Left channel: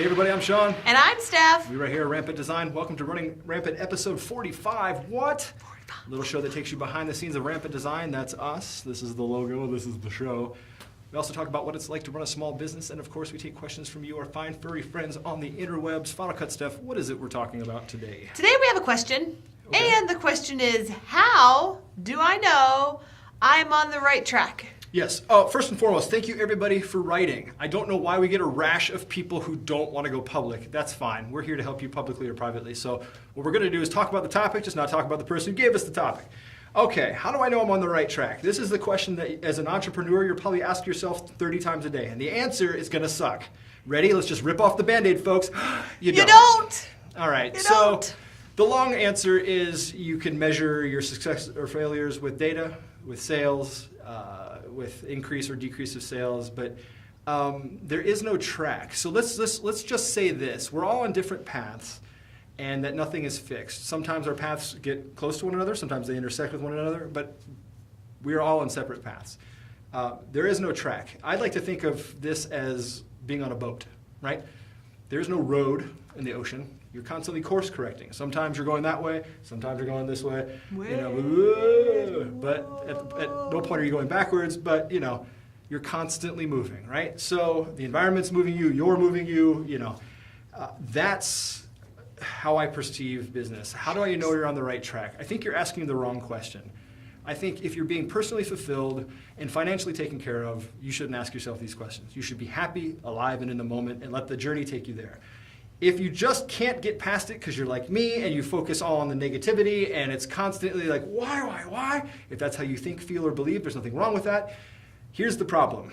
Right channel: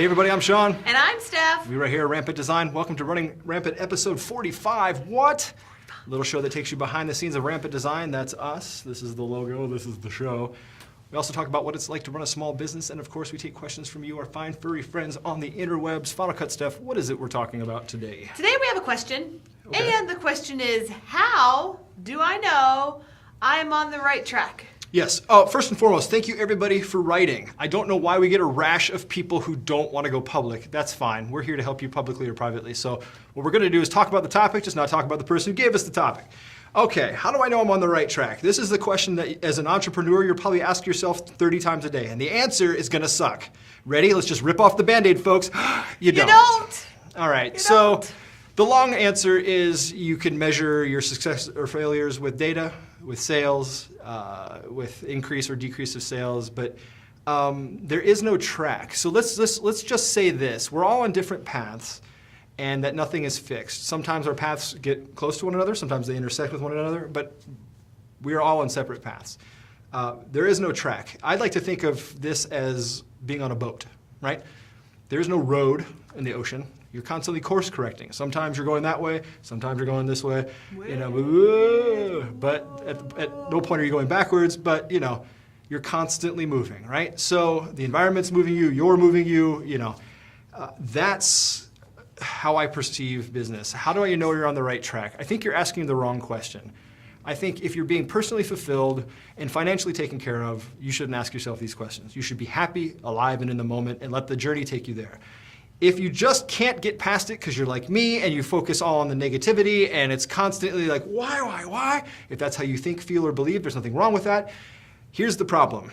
Hey everybody, I'm Sean. And I'm Steph. We're right here at Rampant Design. Welcome to Running Rampant episode 45. What? Little show that takes you behind the scenes of Rampant Design. That's us. This is the logo. This is the show. We also talk about what it's like to run a small business. And of course, we take questions from you, our fine furry friends on the interwebs. Final Cut, Steph, what is it we're talking about today? Today we have a question. Okay. And the question is, how do I know I'm on the right track? Yes. First and foremost, thank you everybody for writing. I don't know why we get a rash of people who don't want to go public. That's fine. We're here to help you publicly or privately. So what we're going to do is talk about the topic, just not talk about the person who gave us the topic. Okay, how do I know I'm on the right track? This is the question that as an entrepreneur, you're probably asking yourself 30 times a day. And the answer is going to suck. Ready? Let's just rip off the Band-Aid, folks. You don't. All right. The long answer is you can measure your success or failures with data, with sales, with increase or decrease of sales, but there is no track. So let's just say this: we're all on different paths, and that nothing is fixed. Sometimes our paths get close to one another, sometimes they intersect with one another, but we're all on separate paths. There is no track. I'd like to think of this as being on a boat, right? There is no road in the ocean. You're constantly course correcting. Sometimes you're going that way, sometimes you're going this way, but at no point are you going backwards, but you're constantly moving, right? So the environment's moving you, you're moving you, that's how I perceive business. How do I know you're on the right track? I think you're asking the wrong question. I think if you're being personally fulfilled and financially taken care of, you shouldn't ask yourself these questions. You should be happy, alive, and in the moment, and let the journey take you there. If you just can't get past it because you're like me and you focus all on the negativity and it's constantly like, why? If that's how you think, feel, or believe, there's nothing wrong with that. Here's the problem.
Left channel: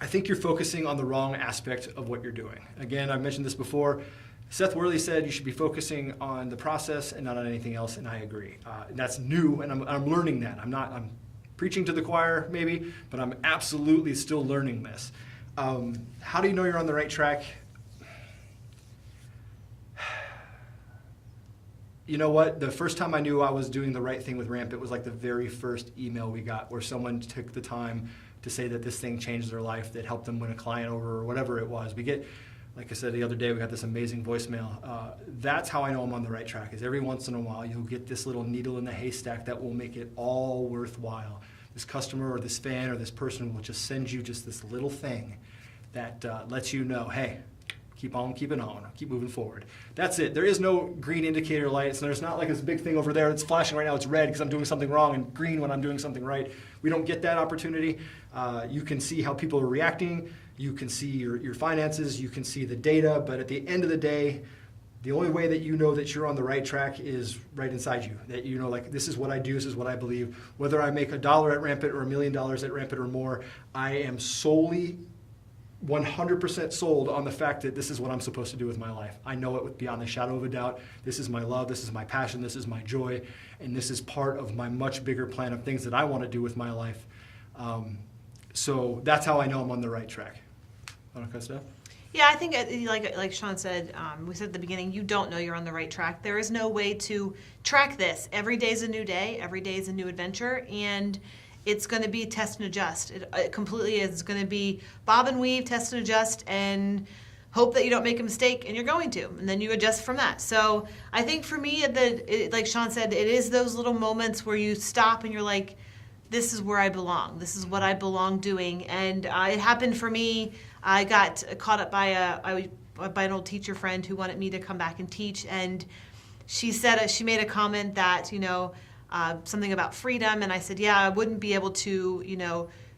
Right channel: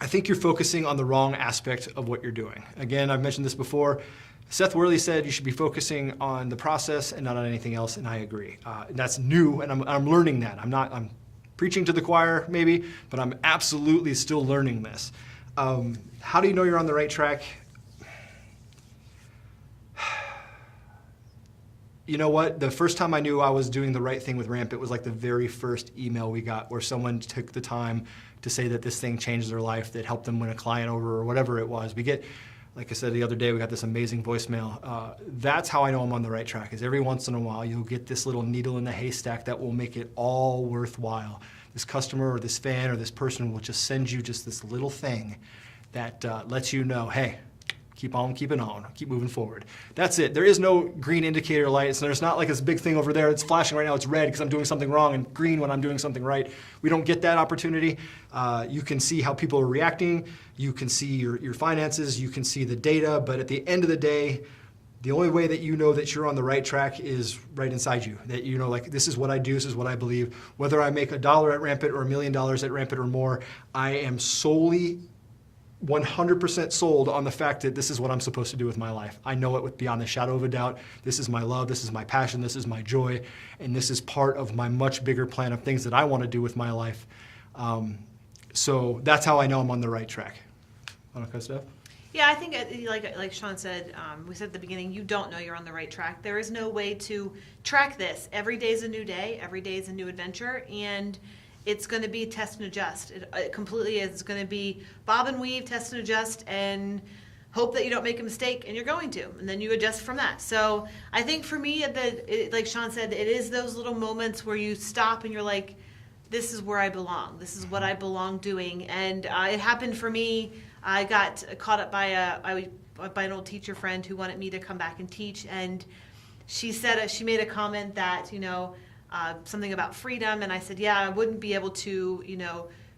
I think you're focusing on the wrong aspect of what you're doing. Again, I've mentioned this before. Seth Worley said you should be focusing on the process and not on anything else, and I agree. And that's new, and I'm learning that. I'm preaching to the choir, maybe, but I'm absolutely still learning this. How do you know you're on the right track? You know what? The first time I knew I was doing the right thing with Rampant was like the very first email we got where someone took the time to say that this thing changed their life, that helped them win a client over or whatever it was. We get, like I said the other day, we got this amazing voicemail. That's how I know I'm on the right track, is every once in a while you'll get this little needle in the haystack that will make it all worthwhile. This customer or this fan or this person will just send you just this little thing that lets you know, hey, keep on keeping on, keep moving forward. That's it. There is no green indicator light. So there's not like this big thing over there that's flashing right now. It's red because I'm doing something wrong and green when I'm doing something right. We don't get that opportunity. You can see how people are reacting. You can see your finances. You can see the data. But at the end of the day, the only way that you know that you're on the right track is right inside you. That you know, like, this is what I do, this is what I believe. Whether I make $1 at Rampant or $1 million at Rampant or more, I am solely 100% sold on the fact that this is what I'm supposed to do with my life. I know it beyond a shadow of a doubt. This is my love, this is my passion, this is my joy, and this is part of my much bigger plan of things that I want to do with my life. So that's how I know I'm on the right track. Want to cut stuff? Yeah, I think like Sean said, we said at the beginning, you don't know you're on the right track. There is no way to track this. Every day is a new day. Every day is a new adventure, and it's going to be test and adjust. It completely is. It's going to be bob and weave, test and adjust, and hope that you don't make a mistake, and you're going to, and then you adjust from that. So I think for me, like Sean said, it is those little moments where you stop and you're like, this is where I belong. This is what I belong doing. And it happened for me. I got caught up by an old teacher friend who wanted me to come back and teach, and she said she made a comment that, something about freedom, and I said, yeah, I wouldn't be able to,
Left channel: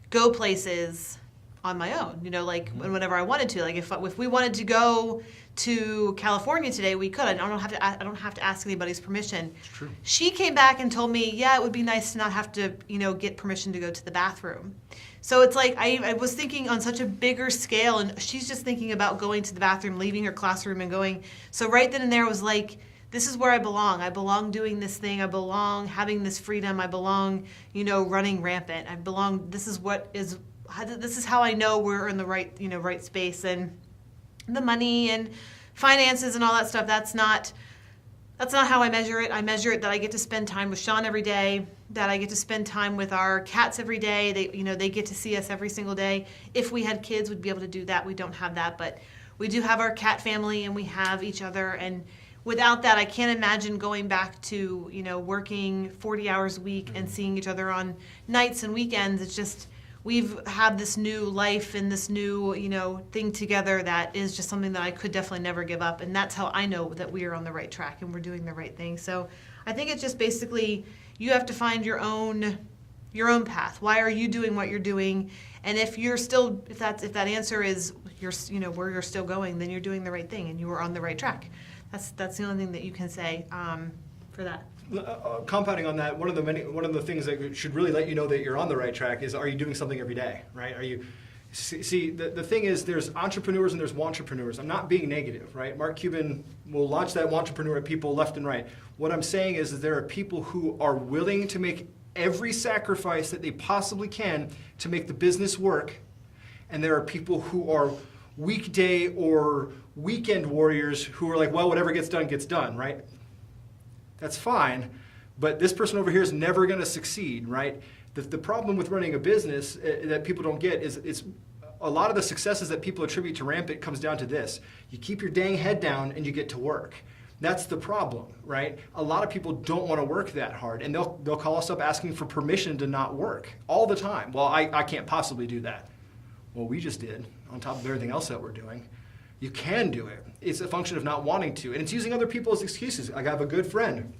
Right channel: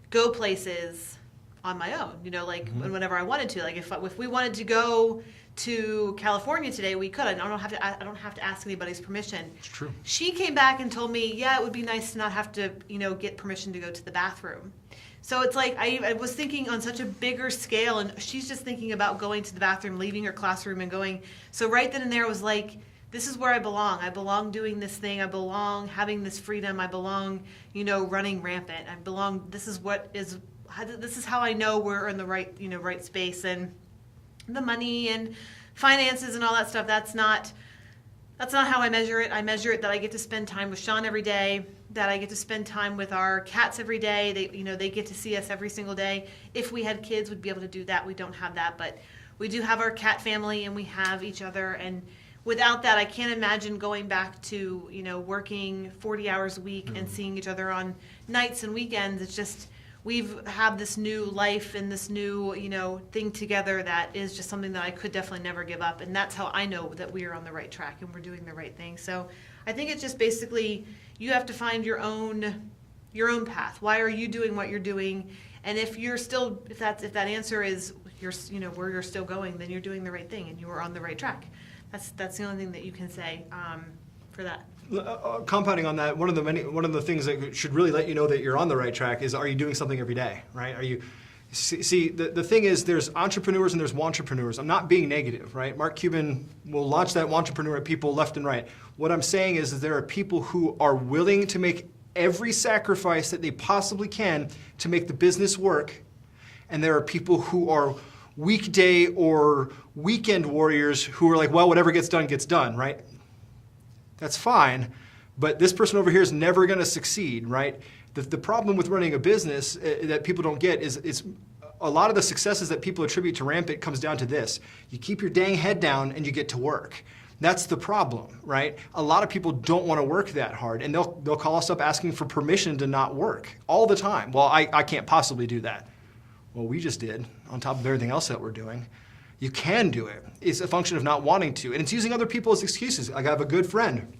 go places on my own, whenever I wanted to. Like if we wanted to go to California today, we could. I don't have to ask anybody's permission. It's true. She came back and told me, yeah, it would be nice to not have to, get permission to go to the bathroom. So it's like I was thinking on such a bigger scale, and she's just thinking about going to the bathroom, leaving her classroom and going. So right then and there was like, this is where I belong. I belong doing this thing. I belong having this freedom. I belong, running Rampant. I belong. This is how I know we're in the right, right space. And the money and finances and all that stuff, that's not how I measure it. I measure it that I get to spend time with Sean every day, that I get to spend time with our cats every day. They get to see us every single day. If we had kids, we'd be able to do that. We don't have that, but we do have our cat family and we have each other, and without that, I can't imagine going back to, working 40 hours a week and seeing each other on nights and weekends. It's just, we've had this new life and this new, thing together that is just something that I could definitely never give up. And that's how I know that we are on the right track and we're doing the right thing. So I think it's just basically, you have to find your own path. Why are you doing what you're doing? And if that answer is where you're still going, then you're doing the right thing and you are on the right track. That's the only thing that you can say for that. Compounding on that, one of the things that should really let you know that you're on the right track is, are you doing something every day, right? The thing is, there's entrepreneurs and there's wantrepreneurs. I'm not being negative, right? Mark Cuban will launch that wantrepreneur at people left and right. What I'm saying is there are people who are willing to make every sacrifice that they possibly can to make the business work, and there are people who are weekday or weekend warriors who are like, well, whatever gets done, right? That's fine, but this person over here is never going to succeed, right? The problem with running a business that people don't get is a lot of the successes that people attribute to Rampant comes down to this. You keep your dang head down and you get to work. That's the problem, right? A lot of people don't want to work that hard, and they'll call us up asking for permission to not work all the time. Well, I can't possibly do that. Well, we just did, on top of everything else that we're doing. You can do it. It's a function of not wanting to, and it's using other people as excuses. I have a good friend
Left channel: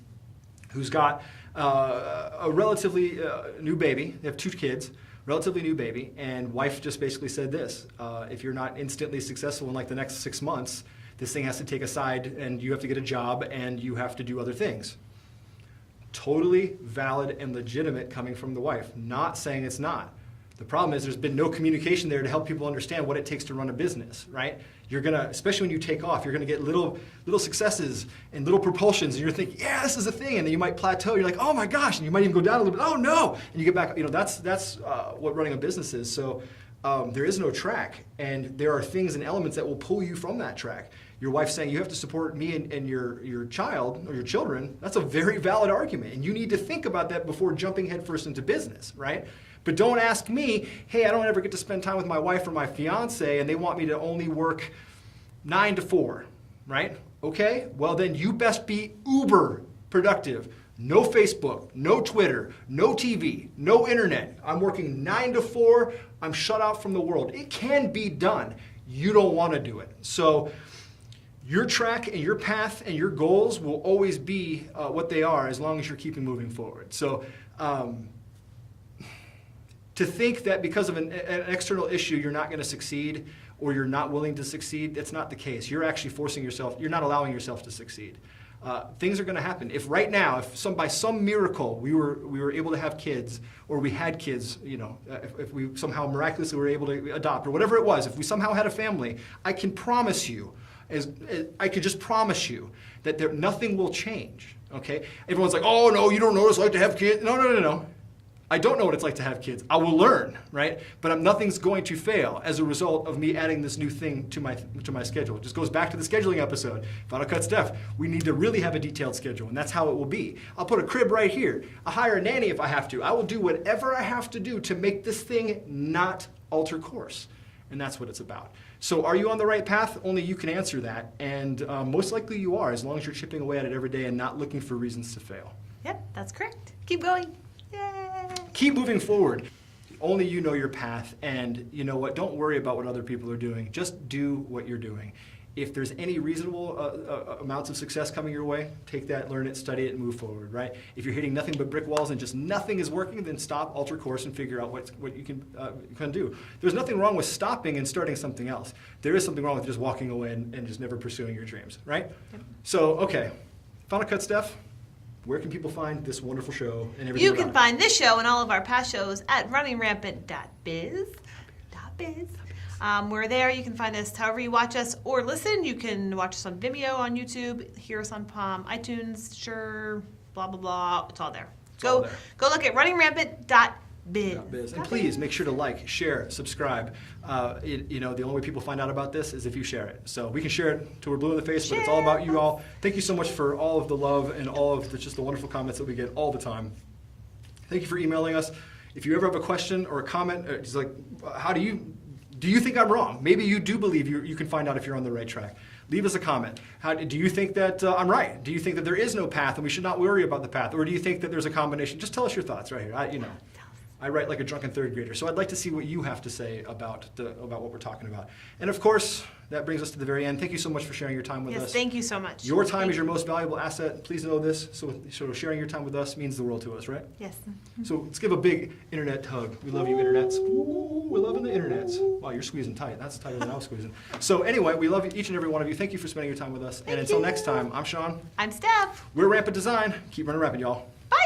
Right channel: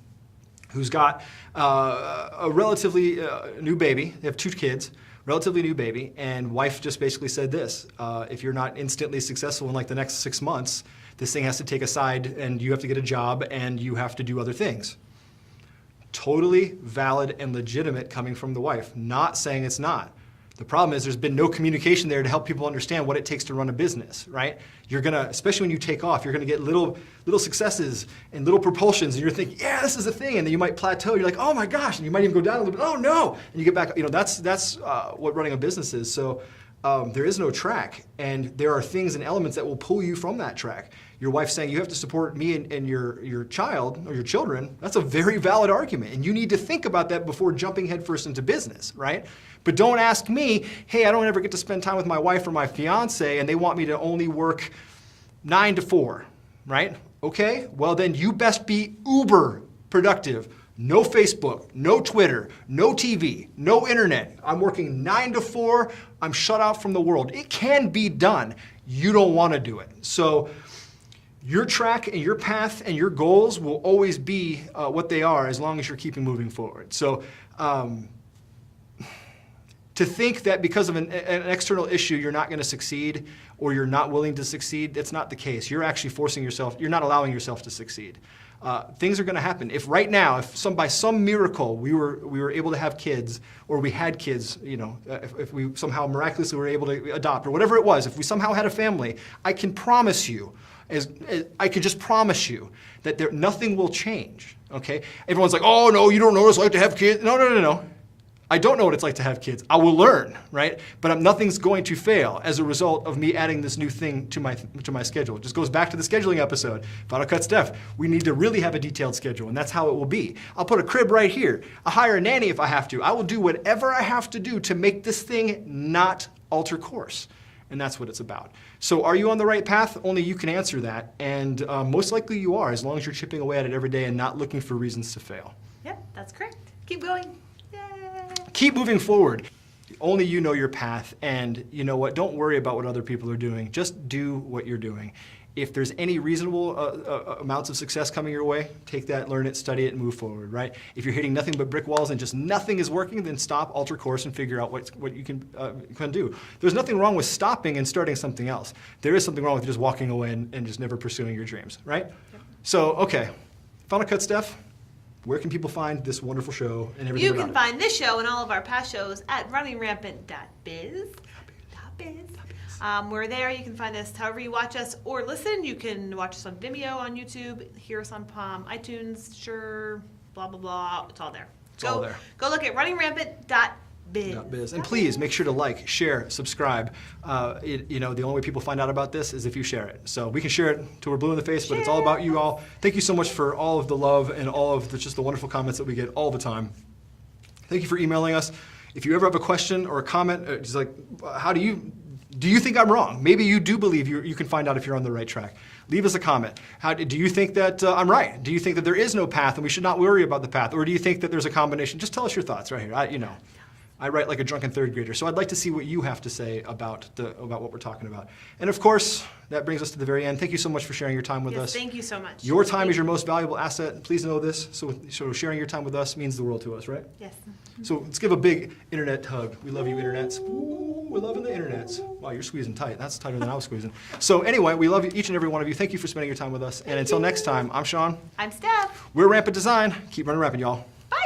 who's got a relatively new baby. They have 2 kids, relatively new baby, and wife just basically said this: if you're not instantly successful in like the next 6 months, this thing has to take a side, and you have to get a job, and you have to do other things. Totally valid and legitimate coming from the wife. Not saying it's not. The problem is there's been no communication there to help people understand what it takes to run a business, right? You're gonna, especially when you take off, you're gonna get little successes and little propulsions, and you're thinking, yeah, this is a thing, and then you might plateau. You're like, oh my gosh, and you might even go down a little bit. Oh no, and you get back. That's what running a business is. So there is no track, and there are things and elements that will pull you from that track. Your wife saying you have to support me and your child or your children, that's a very valid argument, and you need to think about that before jumping headfirst into business, right? But don't ask me, hey, I don't ever get to spend time with my wife or my fiance, and they want me to only work 9 to 4, right? Okay, well then you best be uber productive. No Facebook, no Twitter, no TV, no internet. I'm working 9 to 4. I'm shut out from the world. It can be done. You don't want to do it. So your track and your path and your goals will always be what they are as long as you're keeping moving forward. So to think that because of an external issue you're not going to succeed or you're not willing to succeed, that's not the case. You're actually forcing yourself, you're not allowing yourself to succeed. Things are going to happen. If right now, if by some miracle we were able to have kids, or we had kids, if we somehow miraculously were able to adopt, or whatever it was, if we somehow had a family, I can promise you, I can just promise you that nothing will change. Okay? Everyone's like, oh no, you don't know what it's like to have kids. No. I don't know what it's like to have kids. I will learn, right? But nothing's going to fail as a result of me adding this new thing to my schedule. It just goes back to the scheduling episode. Final Cut Steph, we need to really have a detailed schedule, and that's how it will be. I'll put a crib right here. I'll hire a nanny if I have to. I will do whatever I have to do to make this thing not alter course. And that's what it's about. So are you on the right path? Only you can answer that. And most likely you are, as long as you're chipping away at it every day and not looking for reasons to fail. Yep, that's correct. Keep going. Yay! Keep moving forward. Only you know your path, and you know what? Don't worry about what other people are doing. Just do what you're doing. If there's any reasonable amounts of success coming your way, take that, learn it, study it, and move forward, right? If you're hitting nothing but brick walls and just nothing is working, then stop, alter course, and figure out what you can do. There's nothing wrong with stopping and starting something else. There is something wrong with just walking away and just never pursuing your dreams, right? Yep. So, okay. Final Cut Steph. Where can people find this wonderful show and everything? You can find this show and all of our past shows at runningrampant.biz. We're there. You can find us however you watch us or listen. You can watch us on Vimeo, on YouTube, hear us on iTunes, sure, blah, blah, blah. It's all there. Go look at runningrampant.biz. And please make sure to like, share, subscribe. The only way people find out about this is if you share it. So we can share it till we're blue in the face, but it's all about you all. Thank you so much for all of the love and all of just the wonderful comments that we get all the time. Thank you for emailing us. If you ever have a question or a comment, just like, how do you Do you think I'm wrong? Maybe you do believe you can find out if you're on the right track. Leave us a comment. Do you think that I'm right? Do you think that there is no path and we should not worry about the path? Or do you think that there's a combination? Just tell us your thoughts right here. I write like a drunken third grader, so I'd like to see what you have to say about what we're talking about. And of course, that brings us to the very end. Thank you so much for sharing your time with us. Yes, thank you so much. Your time is your most valuable asset. Please know this. So sharing your time with us means the world to us, right? Yes. So let's give a big internet hug. We love you, internets. Ooh, we're loving the internets. Wow, you're squeezing tight. That's tighter than I was squeezing. So anyway, we love each and every one of you. Thank you for spending your time with us. And until next time, I'm Sean. I'm Steph. We're Rampant Design. Keep running rampant, y'all. Bye.